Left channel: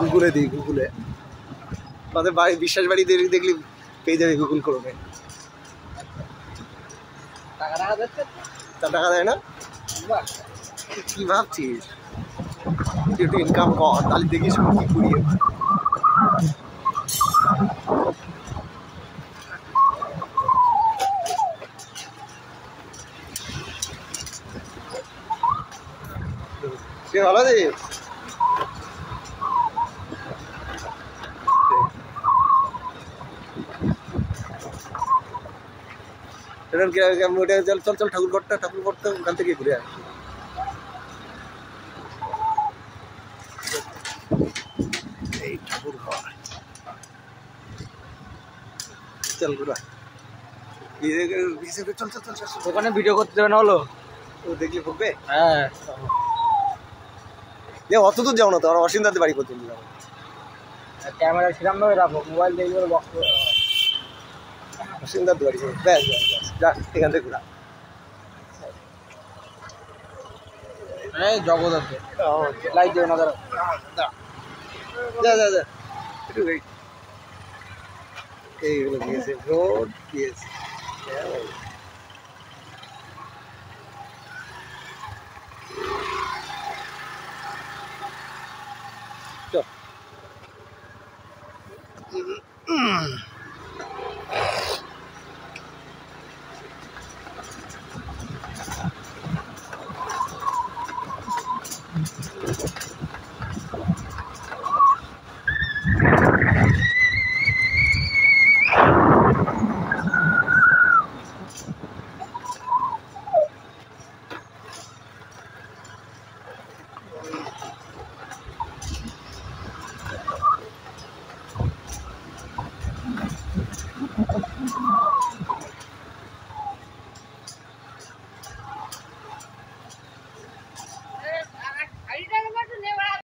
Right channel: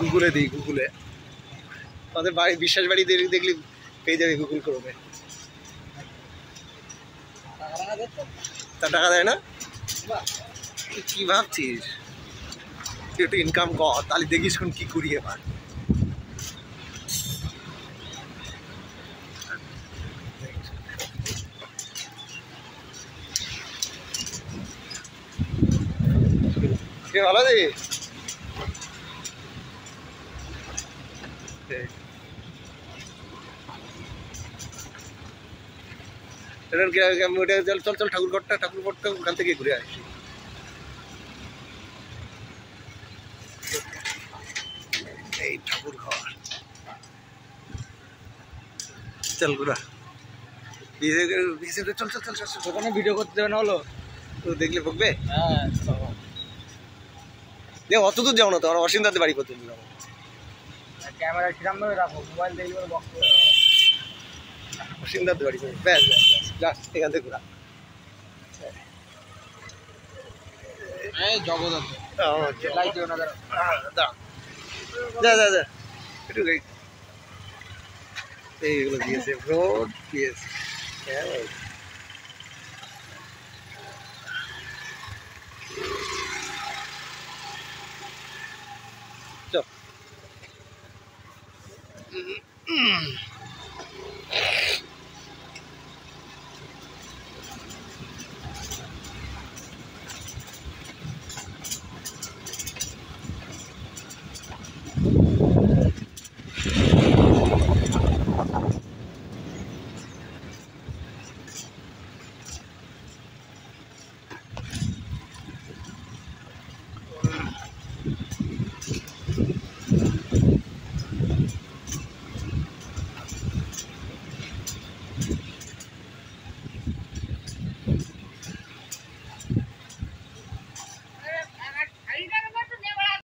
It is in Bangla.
গুগলে দিই, গুগলে আমাদের বাড়ি বিশ্বাস বাড়ি দেখলি পেয়ে যাবে গুগল করবে। টাকা দেয় না? কি ভাবছিস? একটু ইনকাম কর, তাহলে দেখিস কি করি এবার। ভালো আছে? চল চল চল ঠাকুরঘরটা ওখান থেকে ঘুরে আসি। এই ঠাকুরঘর চল ঘুরা। চল চল চল চল, ওখানে ভিডিও করতে দেবে না হলো? দেখলে বকবে। হ্যাঁ অত দূর যাও না তো, আমরা অসীমদাতে বাড়ি করতে যাবো। ক্যামেরা সেরকম ভাবে রাখো, মোবাইল দেখলে বক্স অসীমদাতে বাড়ি করবো। ব্যাস ব্যাস ব্যাস, যা এখান থেকে ঘুরা। এই জগদ্ধাত্র লাইট দেবে না, দাঁড়া দাঁড়া দাঁড়া একটু এইগুলো দিয়েছে ভোট দিয়েছে।